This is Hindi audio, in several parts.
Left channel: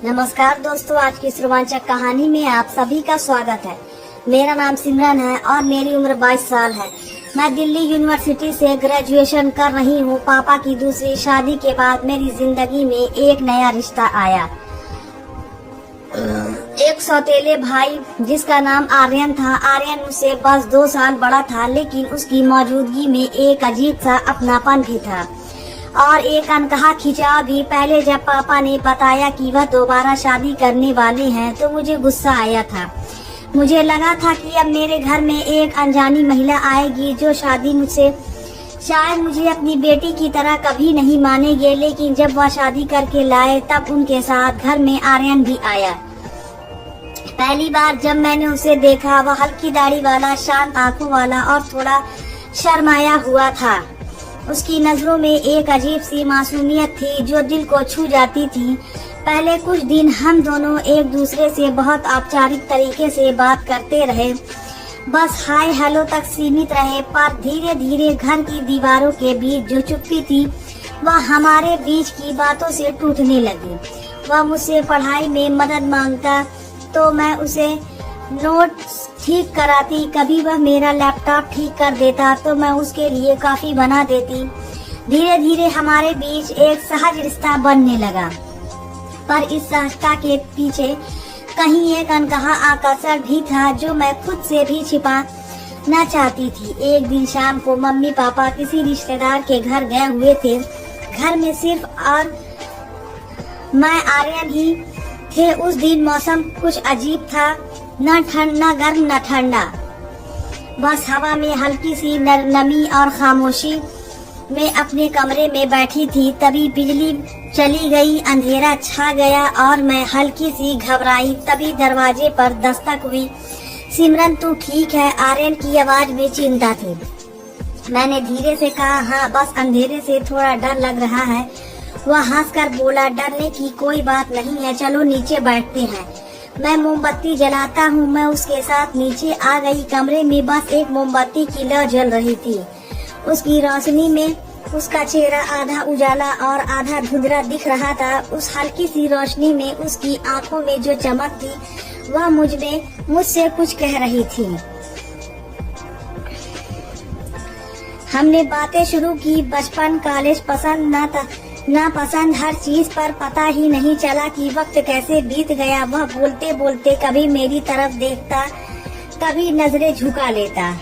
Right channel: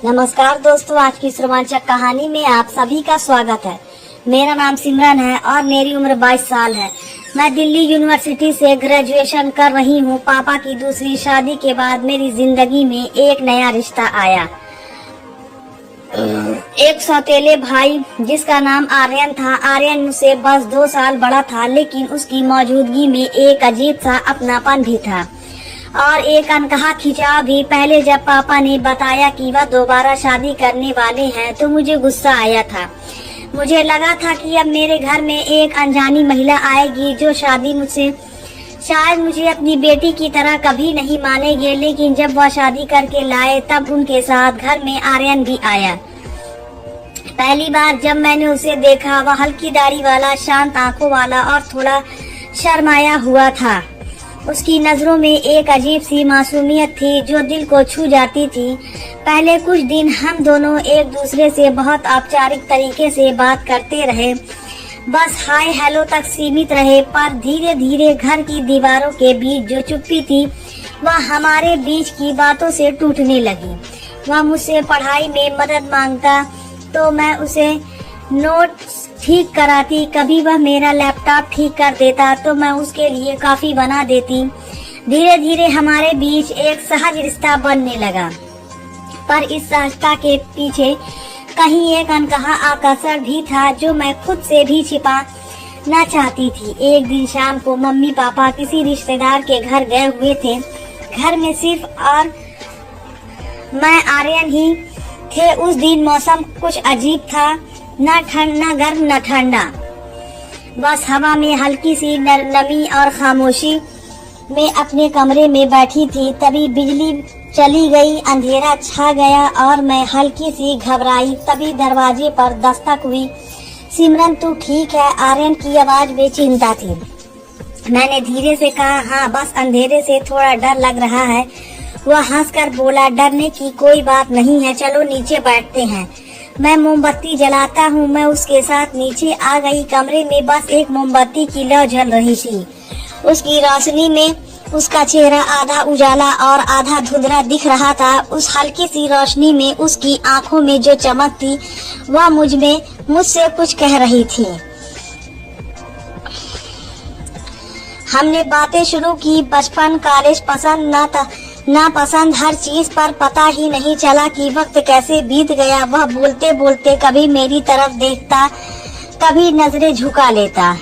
नमस्कार दोस्तों, आज की इस रोमांचक कहानी में आप सभी का स्वागत है। मेरा नाम सिमरन है और मेरी उम्र 22 साल है। मैं दिल्ली यूनिवर्सिटी से ग्रेजुएशन कर रही हूँ। पापा की दूसरी शादी के बाद मेरी जिंदगी में एक नया रिश्ता आया। एक सौतेले भाई जिसका नाम आर्यन था। आर्यन मुझसे बस 2 साल बड़ा था, लेकिन उसकी मौजूदगी में एक अजीब सा अपनापन भी था और एक अनकहा खिंचाव भी। पहले जब पापा ने बताया कि वह दोबारा शादी करने वाले हैं तो मुझे गुस्सा आया था। मुझे लगा था कि अब मेरे घर में एक अनजानी महिला आएगी जो शादी मुझसे शायद मुझे अपनी बेटी की तरह कभी नहीं मानेगी। लेकिन जब वह शादी करके लाए तब उनके साथ घर में आर्यन भी आया। पहली बार जब मैंने उसे देखा, वह हल्की दाढ़ी वाला, शांत आंखों वाला और थोड़ा शर्माया हुआ था। उसकी नजरों में एक अजीब सी मासूमियत थी जो दिल को छू जाती थी। पहले कुछ दिन हम दोनों एक दूसरे से बहुत औपचारिक तरीके से बात करते रहे, बस हाय हेलो तक सीमित रहे। पर धीरे धीरे घर की दीवारों के बीच जो चुप्पी थी वह हमारे बीच की बातों से टूटने लगी। वह मुझसे पढ़ाई में मदद मांगता तो मैं उसे नोट्स ठीक कराती, कभी वह मेरा लैपटॉप ठीक कर देता तो मैं उसके लिए कॉफी बना देती। धीरे धीरे हमारे बीच एक सहज रिश्ता बनने लगा, पर इस सहजता के पीछे कहीं एक अनकहा आकर्षण भी था जो मैं खुद से भी छिपा न चाहती थी। एक दिन शाम को मम्मी पापा किसी रिश्तेदार के घर गए हुए थे। घर में सिर्फ और मैं आर्यन ही थे। उस दिन मौसम कुछ अजीब था, न ठंडा गर्म न ठंडा, बस हवा में हल्की सी नमी और खामोशी। मैं अपने कमरे में बैठी थी, तभी बिजली चली गई, अंधेरा छा गया और मैं हल्की सी घबराई। तभी दरवाजे पर दस्तक हुई। सिमरन तू ठीक है? आर्यन की आवाज में चिंता थी। मैंने धीरे से कहा हाँ, बस अंधेरे से थोड़ा डर लग रहा है। वह हंसकर बोला डरने की कोई बात नहीं है, चलो नीचे बैठते हैं। मैं मोमबत्ती जलाता हूँ। मैं उसके साथ नीचे आ गई। कमरे में बस एक मोमबत्ती की लौ जल रही थी। उसकी रोशनी में उसका चेहरा आधा उजाला और आधा धुंधला दिख रहा था। उस हल्की सी रोशनी में उसकी आंखों में जो चमक थी वह मुझसे कुछ कह रही थी। हमने बातें शुरू की, बचपन, कॉलेज, पसंद ना पसंद, हर चीज पर पता ही नहीं चला कि वक्त कैसे बीत गया। वह बोलते बोलते कभी मेरी तरफ देखता, कभी नजरें झुका लेता।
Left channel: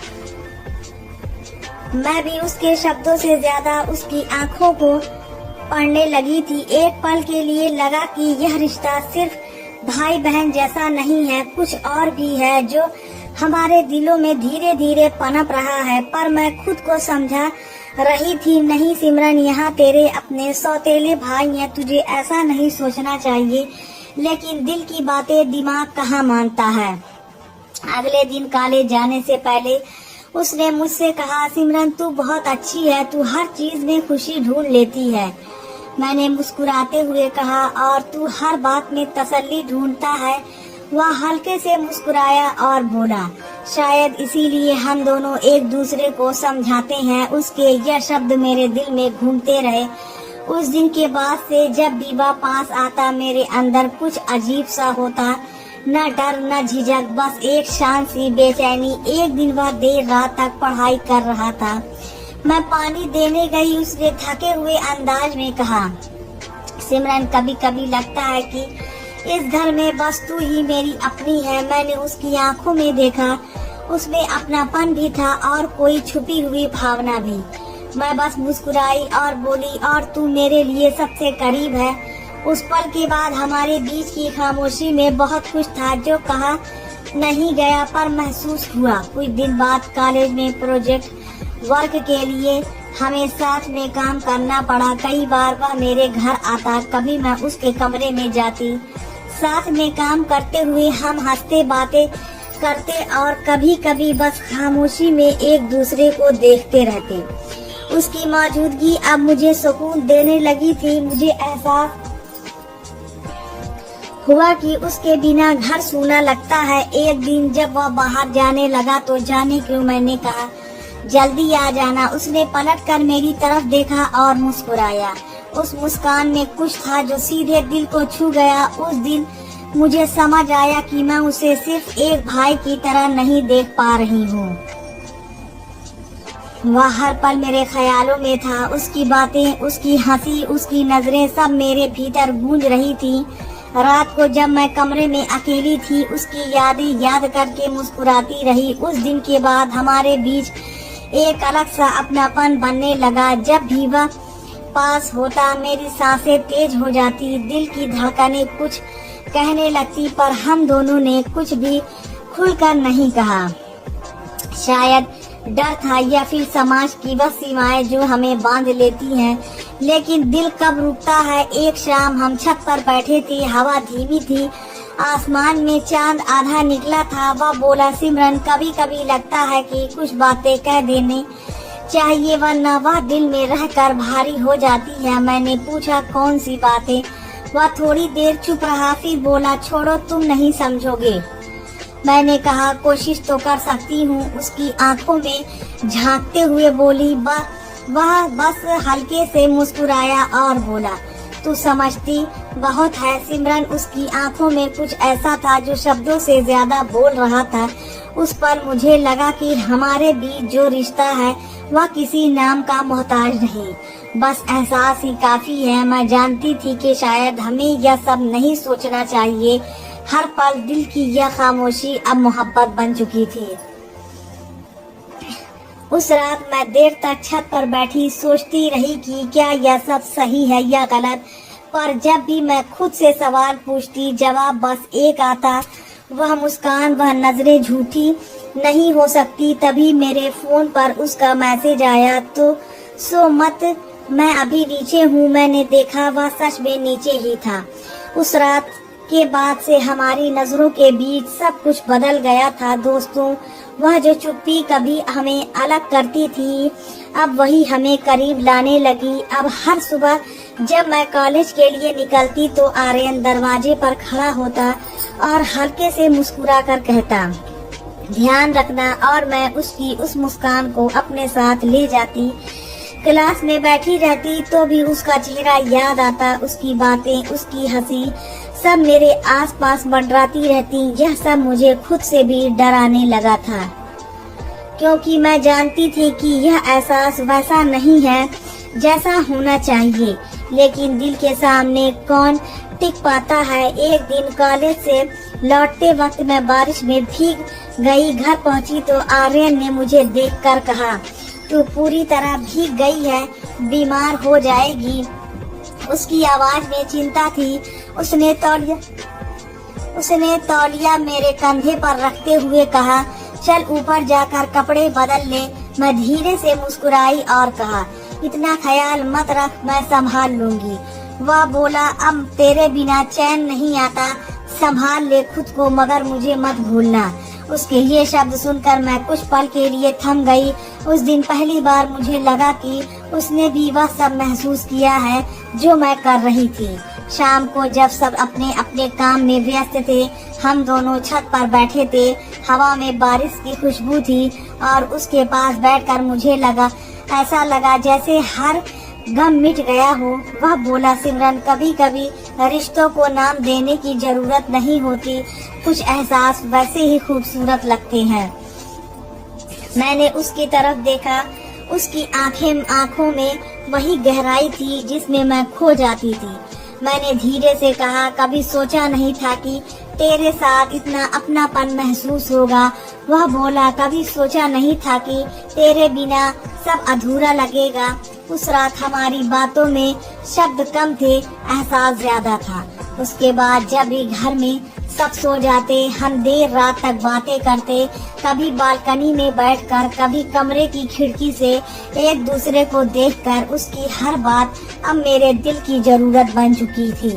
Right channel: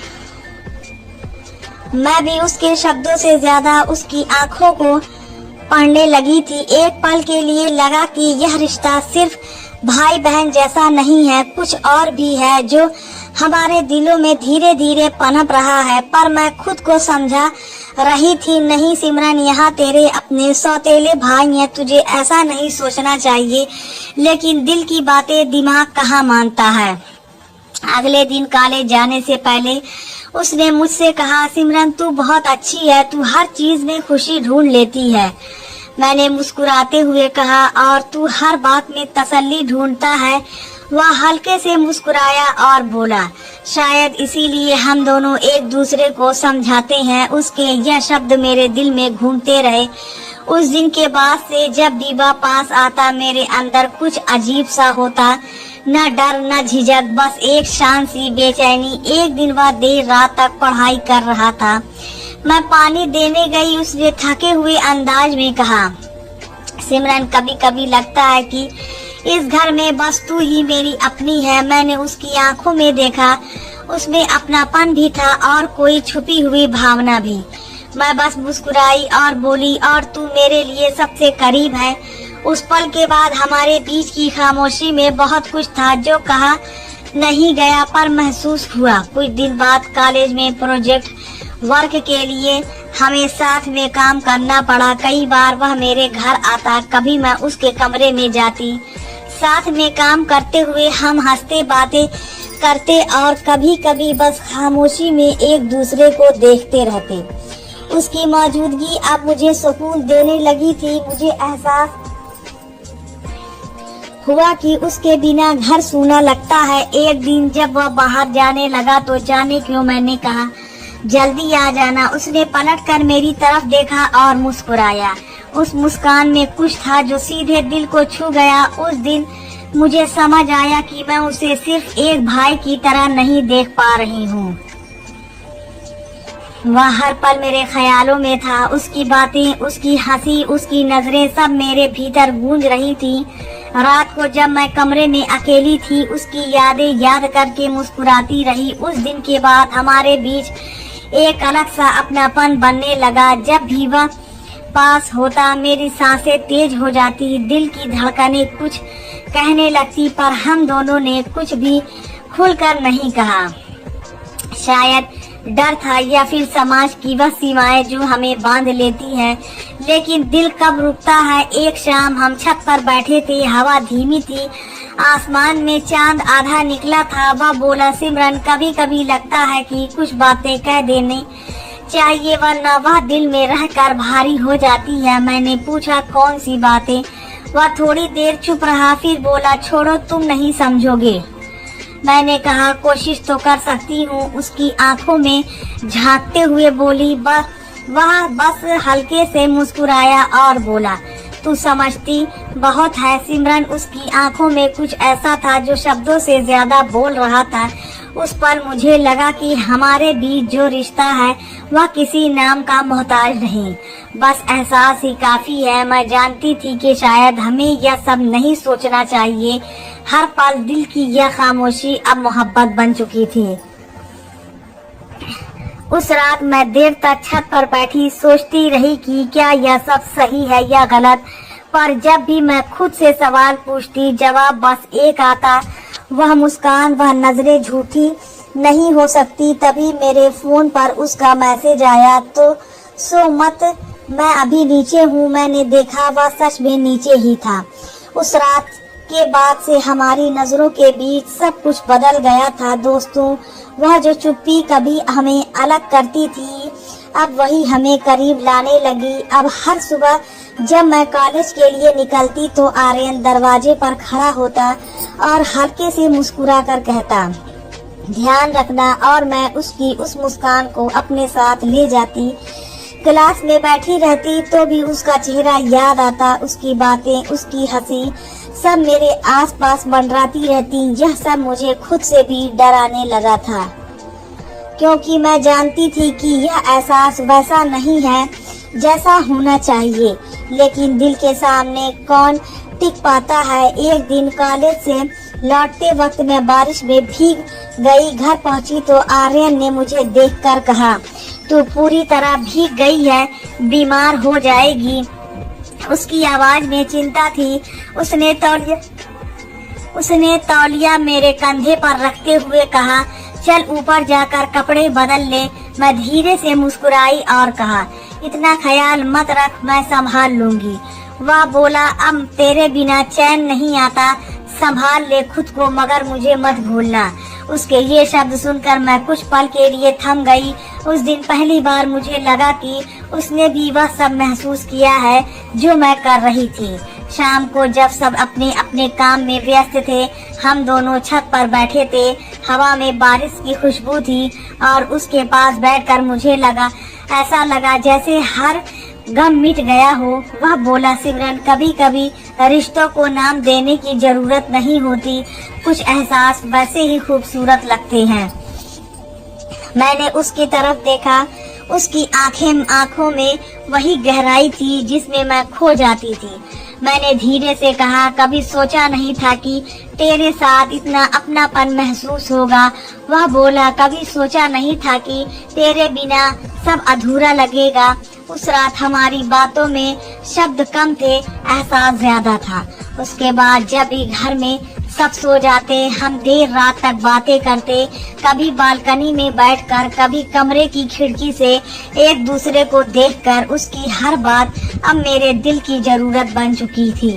मैं भी उसके शब्दों से ज्यादा उसकी आंखों को पढ़ने लगी थी। एक पल के लिए लगा कि यह रिश्ता सिर्फ भाई बहन जैसा नहीं है, कुछ और भी है जो हमारे दिलों में धीरे धीरे पनप रहा है। पर मैं खुद को समझा रही थी नहीं सिमरन, यहाँ तेरे अपने सौतेले भाई हैं, तुझे ऐसा नहीं सोचना चाहिए। लेकिन दिल की बातें दिमाग कहाँ मानता है। अगले दिन कॉलेज जाने से पहले उसने मुझसे कहा सिमरन तू बहुत अच्छी है, तू हर चीज में खुशी ढूंढ लेती है। मैंने मुस्कुराते हुए कहा और तू हर बात में तसल्ली ढूंढता है। वह हल्के से मुस्कुराया और बोला शायद इसीलिए हम दोनों एक दूसरे को समझाते हैं। उसके यह शब्द मेरे दिल में घूमते रहे। उस दिन के बाद से जब भी वह पास आता मेरे अंदर कुछ अजीब सा होता, न डर न झिझक, बस एक शांत सी बेचैनी। एक दिन वह देर रात तक पढ़ाई कर रहा था। मैं पानी देने गई। उसने थके हुए अंदाज में कहा सिमरन कभी कभी लगता है कि इस घर में बस तू ही मेरी अपनी है। मैंने उसकी आंखों में देखा, उसमें अपनापन भी था और कोई छुपी हुई भावना भी। मैं बस मुस्कुराई और बोली और तू मेरे लिए सबसे करीब है। उस पल के बाद हमारे बीच की खामोशी में बहुत कुछ था जो कहा नहीं गया पर महसूस हुआ। कुछ दिन बाद कॉलेज में प्रोजेक्ट वर्क के लिए हमें साथ में काम करना पड़ा। कई बार वह मेरे घर आता, कभी मैं उसके कमरे में जाती। साथ में काम करते हुए हम हंसते बातें करते और कभी कभी बस खामोशी में एक दूसरे को देखते रहते। उसकी मौजूदगी अब मुझे सुकून देने लगी थी। मुझे एहसास हुआ कि उसके बिना घर सूना लगता है। एक दिन जब वह बाहर जाने लगा तो जाने क्यों मैंने कहा जल्दी आ जाना। उसने पलट कर मेरी तरफ देखा और मुस्कुराया। उस मुस्कान में कुछ था जो सीधे दिल को छू गया। उस दिन मुझे समझ आया कि मैं उसे सिर्फ एक भाई की तरह नहीं देख पा रही हूँ। वह हर पल मेरे ख्यालों में था। उसकी बातें, उसकी हंसी, उसकी नजरें सब मेरे भीतर गूंज रही थी। रात को जब मैं कमरे में अकेली थी, उसकी यादें याद करके मुस्कुराती रही। उस दिन के बाद हमारे बीच एक अलग सा अपनापन बनने लगा। जब भी वह पास होता मेरी सांसें तेज हो जाती, दिल की धड़कनें कुछ कहने लगती, पर हम दोनों ने कुछ भी खुलकर नहीं कहा। शायद डर था या फिर समाज की वह सीमाएं जो हमें बांध लेती हैं। लेकिन दिल कब रुकता है। एक शाम हम छत पर बैठे थे, हवा धीमी थी, आसमान में चांद आधा निकला था। वह बोला, सिमरन, कभी कभी लगता है कि कुछ बातें कह देनी चाहिए, वरना वह दिल में रहकर भारी हो जाती है। मैंने पूछा, कौन सी बातें? वह थोड़ी देर चुप रहा, फिर बोला, छोड़ो, तुम नहीं समझोगे। मैंने कहा, कोशिश तो कर सकती हूँ। उसकी आंखों में झांकते हुए बोली, वह बस हल्के से मुस्कुराया और बोला, तू समझती बहुत है सिमरन। उसकी आंखों में कुछ ऐसा था जो शब्दों से ज्यादा बोल रहा था। उस पर मुझे लगा कि हमारे बीच जो रिश्ता है वह किसी नाम का मोहताज नहीं, बस एहसास ही काफी है। मैं जानती थी कि शायद हमें यह सब नहीं सोचना चाहिए। हर पल दिल की यह खामोशी अब मोहब्बत बन चुकी थी। उस रात मैं देर तक छत पर बैठी सोचती रही कि क्या यह सब सही है या गलत। पर जब भी मैं खुद से सवाल पूछती, जवाब बस एक आता, वह मुस्कान, वह नजरें झूठी नहीं हो सकती। तभी मेरे फोन पर उसका मैसेज आया, तो सो मत, मैं अभी नीचे हूँ। मैंने देखा वह सच में नीचे ही था। उस रात के बाद से हमारी नजरों के बीच सब कुछ बदल गया था। दोस्तों, वह जो चुप्पी कभी हमें अलग करती थी, अब वही हमें करीब लाने लगी। अब हर सुबह जब मैं कॉलेज के लिए निकलती तो आर्यन दरवाजे पर खड़ा होता और हल्के से मुस्कुरा कर कहता, ध्यान रखना, और मैं उसकी उस मुस्कान को अपने साथ ले जाती। क्लास में बैठी रहती तो भी उसका चेहरा याद आता, उसकी बातें, उसकी हंसी सब मेरे आसपास मंडराती रहती। यह सब मुझे खुद से भी डराने लगा था, क्योंकि मैं जानती थी कि यह एहसास वैसा नहीं है जैसा होना चाहिए। लेकिन दिल के सामने कौन टिक पाता है। एक दिन कॉलेज से लौटते वक्त मैं बारिश में भीग गई। घर पहुंची तो आर्यन ने मुझे देखकर कहा, तू पूरी तरह भीग गई है, बीमार हो जाएगी। उसकी आवाज में चिंता थी। उसने तौलिया मेरे कंधे पर रखते हुए कहा, चल ऊपर जाकर कपड़े बदल ले। मैं धीरे से मुस्कुराई और कहा, इतना ख्याल मत रख, मैं संभाल लूंगी। वह बोला, अब तेरे बिना चैन नहीं आता, संभाल ले खुद को, मगर मुझे मत भूलना। उसके ये शब्द सुनकर मैं कुछ पल के लिए थम गई। उस दिन पहली बार मुझे लगा कि उसने भी वह सब महसूस किया है जो मैं कर रही थी। शाम को जब सब अपने अपने काम में व्यस्त थे, हम दोनों छत पर बैठे थे। हवा में बारिश की खुशबू थी और उसके पास बैठकर मुझे ऐसा लगा जैसे हर गम मिट गया हो। वह बोला, सिमरन, कभी कभी रिश्तों को नाम देने की जरूरत नहीं होती, कुछ एहसास वैसे ही खूबसूरत लगते हैं। मैंने उसकी तरफ देखा। उसकी आंखों में वही गहराई थी जिसमें मैं खो जाती थी। मैंने धीरे से कहा, कभी सोचा नहीं था कि तेरे साथ इतना अपनापन महसूस होगा। वह बोला, कभी सोचा नहीं था कि तेरे बिना सब अधूरा लगेगा। उस रात हमारी बातों में शब्द कम थे, एहसास ज्यादा था। उसके बाद जब भी घर में सब सो जाते, हम देर रात तक बातें करते, कभी बालकनी में बैठकर, कभी कमरे की खिड़की से एक दूसरे को देखकर। उसकी हर बात अब मेरे दिल की जरूरत बन चुकी थी।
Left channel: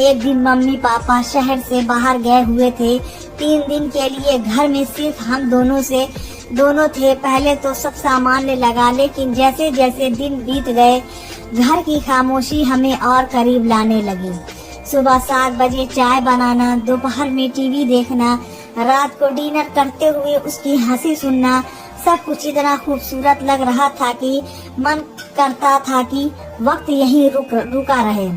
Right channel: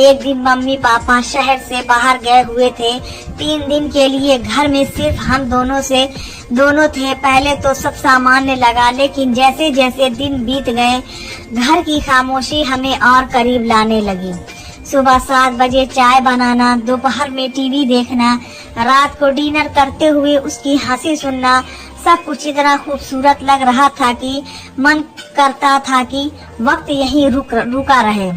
एक दिन मम्मी पापा शहर से बाहर गए हुए थे। 3 दिन के लिए घर में सिर्फ हम दोनों थे। पहले तो सब सामान्य लगा, लेकिन जैसे जैसे दिन बीत गए, घर की खामोशी हमें और करीब लाने लगी। सुबह 7 बजे चाय बनाना, दोपहर में टीवी देखना, रात को डिनर करते हुए उसकी हंसी सुनना, सब कुछ इतना खूबसूरत लग रहा था कि मन करता था कि वक्त यहीं रुका रहे।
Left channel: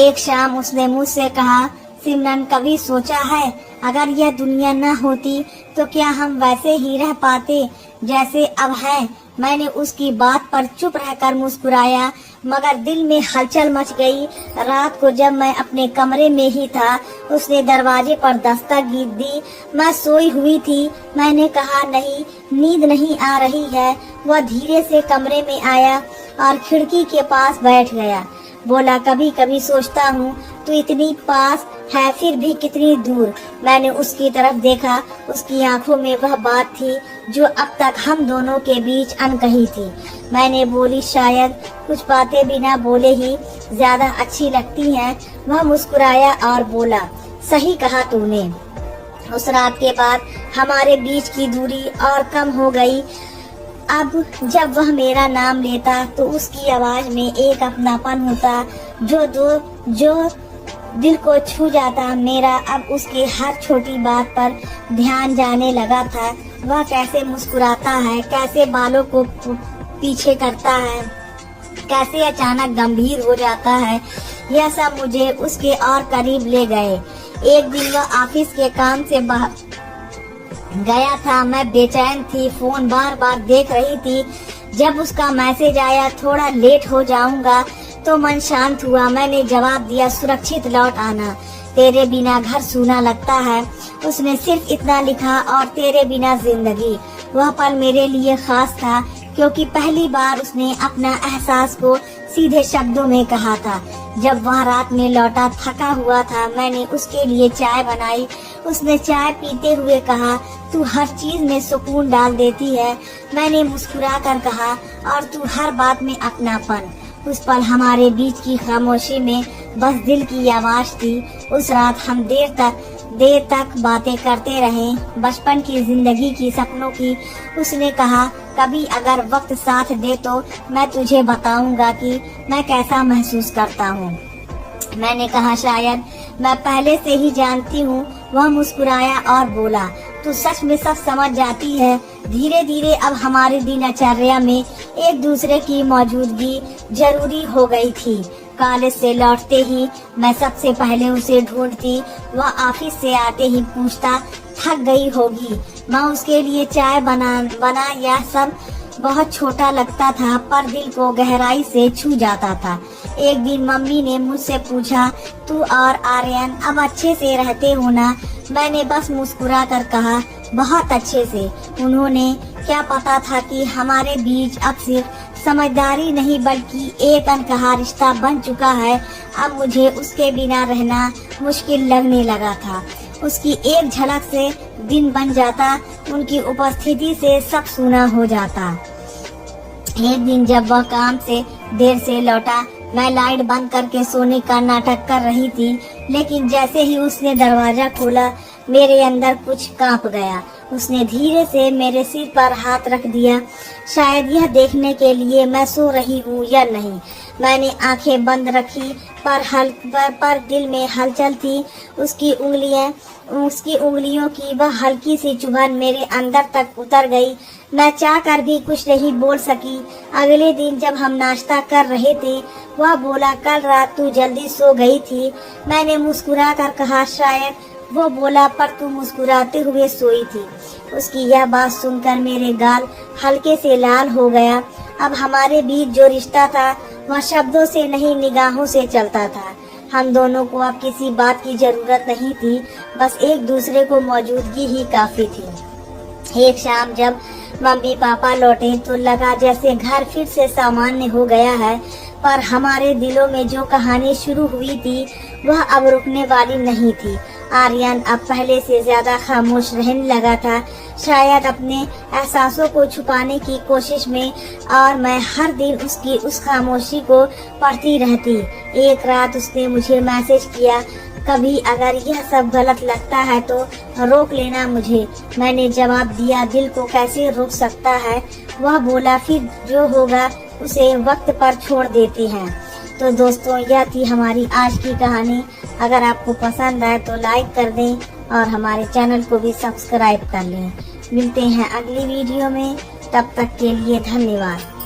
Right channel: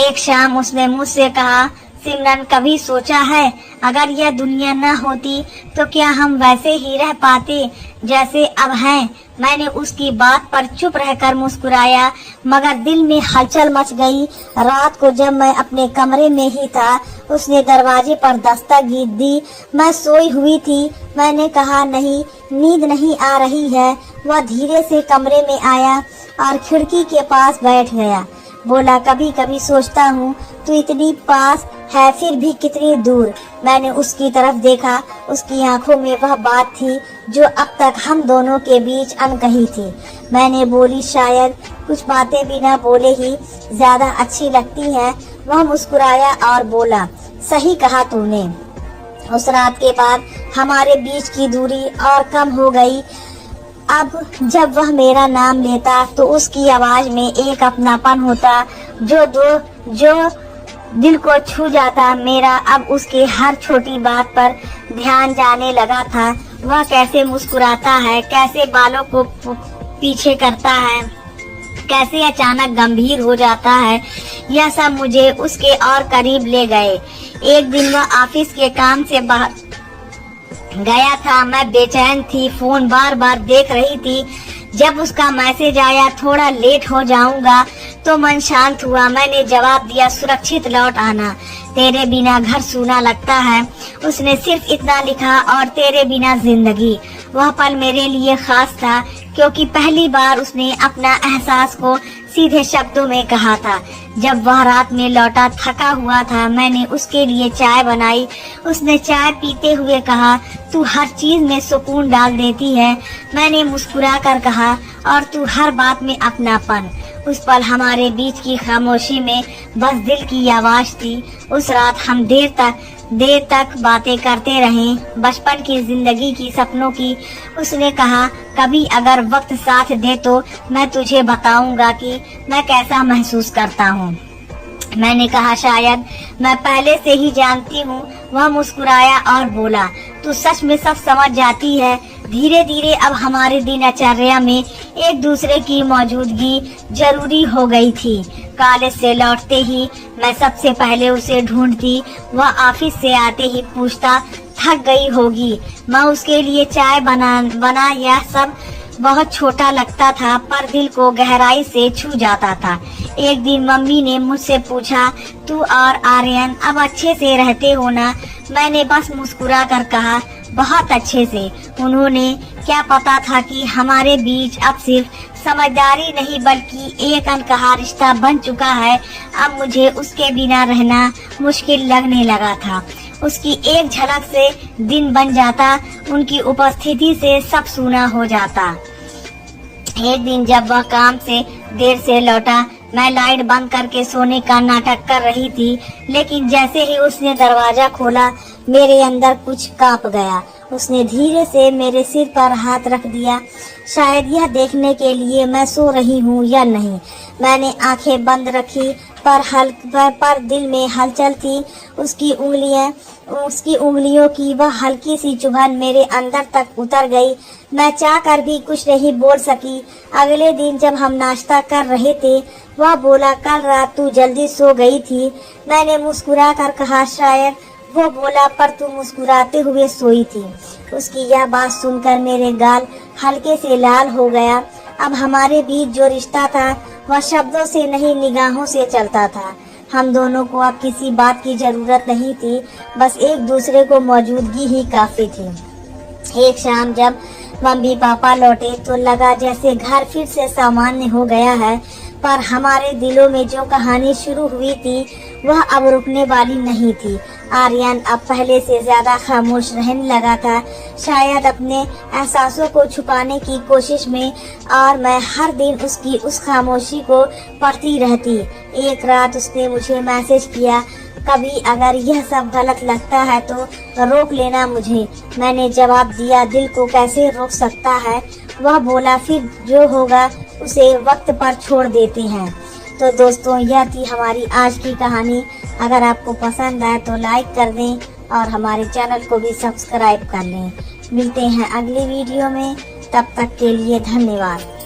एक शाम उसने मुझसे कहा, सिमरन, कभी सोचा है अगर यह दुनिया न होती तो क्या हम वैसे ही रह पाते जैसे अब हैं? मैंने उसकी बात पर चुप रहकर मुस्कुराया, मगर दिल में हलचल मच गई। रात को जब मैं अपने कमरे में ही था, उसने दरवाजे पर दस्तक दी। मैं सोई हुई थी। मैंने कहा, नहीं, नींद नहीं आ रही है। वह धीरे से कमरे में आया और खिड़की के पास बैठ गया। बोला, कभी कभी सोचता हूँ तू इतनी पास है फिर भी कितनी दूर। मैंने उसकी तरफ देखा। उसकी आंखों में वह बात थी जो अब तक हम दोनों के बीच अनकही थी। मैंने बोली, शायद कुछ बातें बिना बोले ही ज्यादा अच्छी लगती हैं। वह मुस्कुराया और बोला, सही कहा तूने। उस रात के बाद हमारे बीच की दूरी और कम हो गई। अब जब वह मेरा नाम लेता तो उसकी आवाज में एक अपनापन होता जो दिल को छू जाता। मेरा अब उसके हर छोटी बात पर ध्यान जाने लगा था। वह कैसे मुस्कुराता है, कैसे बालों को पीछे करता है, कैसे अचानक गंभीर हो जाता है, यह सब मुझे उसके और करीब ले गए। एक दिन वह ऑफिस के काम से बाहर गया था। मैं बेचैन थी, फोन बार बार देख रही थी। जब उसका मैसेज आया, थोड़ा लेट हो जाऊंगा, तो मन शांत हुआ। मैंने जवाब दिया, सुरक्षित लौट आना, तेरे बिना घर सूना लगता है। उसने सिर्फ इतना लिखा, और तेरे बिना जिंदगी। वह पल मेरे लिए खास था क्योंकि पहली बार उसने अपना एहसास को सीधे शब्दों में कहा था। जब वह रात में लौटा थका हुआ था, मैंने उसके लिए चाय बनाई। उसने चाय पीते हुए कहा, तू हर चीज में सुकून डाल देती है। मैंने मुस्कुरा कर कहा, और तू हर बात में अपनापन। उस पल हमारे बीच की खामोशी में बस दिल की आवाज थी। उस रात हम देर तक बातें करते रहे, बचपन की, जिंदगी की, सपनों की। उसने कहा, कभी अगर वक्त साथ दे तो मैं तुझे बताऊंगा कि मैं कैसा महसूस करता हूँ। मैंने कहा, शायद मैं पहले से ही जानती हूँ। वह मुस्कुराया और बोला, तू सच में सब समझ जाती है। धीरे धीरे अब हमारे दिनचर्या में एक दूसरे की मौजूदगी जरूरी हो गई थी। कॉलेज से लौटते ही मैं सबसे पहले उसे ढूंढती। वह ऑफिस से आते ही पूछता, थक गई होगी। मैं उसके लिए चाय बना यह सब बहुत छोटा लगता था, पर दिल को गहराई से छू जाता था। एक दिन मम्मी ने मुझसे पूछा, तू और आर्यन अब अच्छे से रहते हो ना? मैंने बस मुस्कुरा कर कहा, बहुत अच्छे से। उन्होंने क्या पता था कि हमारे बीच अब सिर्फ समझदारी नहीं बल्कि एक अनकहा रिश्ता बन चुका है। अब मुझे उसके बिना रहना मुश्किल लगने लगा था। उसकी एक झलक से दिन बन जाता, उनकी उपस्थिति से सब सूना हो जाता। एक दिन जब वह काम से देर से लौटा, मैं लाइट बंद करके सोने का नाटक कर रही थी, लेकिन जैसे ही उसने दरवाजा खोला, मेरे अंदर कुछ कांप गया। उसने धीरे से मेरे सिर पर हाथ रख दिया, शायद यह देखने के लिए मैं सो रही हूँ या नहीं। मैंने आंखें बंद रखी, पर दिल में हलचल थी। उसकी उंगलियों की वह हल्की सी चुभन मेरे अंदर तक उतर गई। मैं चाह कर भी कुछ नहीं बोल सकी। अगले दिन जब हम नाश्ता कर रहे थे, वह बोला, कल रात तू जल्दी सो गई थी। मैंने मुस्कुरा कर कहा, शायद। वो बोला, पर तू मुस्कुराते हुए सोई थी। उसकी यह बात सुनकर मेरे गाल हल्के से लाल हो गया। अब हमारे बीच जो रिश्ता था वह शब्दों से नहीं, निगाहों से चलता था। हम दोनों को अब किसी बात की जरूरत नहीं थी, बस एक दूसरे को मौजूदगी ही काफी थी। एक शाम जब मम्मी पापा लौटे तो लगा जैसे घर फिर से सामान्य हो गया है, पर हमारे दिलों में जो कहानी शुरू हुई थी वह अब रुकने वाली नहीं थी। आर्यन अब पहले से ज्यादा खामोश रहने लगा था, शायद अपने एहसासों को छुपाने की कोशिश में, और मैं हर दिन उसकी उस खामोशी को पढ़ती रहती। एक रात उसने मुझे मैसेज किया, कभी अगर यह सब गलत लगता है तो रोक लेना मुझे। मैंने जवाब दिया, दिल को कैसे रोक सकता है। वह बोला, फिर जो होगा उसे वक्त पर छोड़ देती हैं। तो दोस्तों, यह थी हमारी आज की कहानी। अगर आपको पसंद आए तो लाइक कर दें और हमारे चैनल को भी सब्सक्राइब कर लें। मिलते हैं अगली वीडियो में, तब तक के लिए धन्यवाद।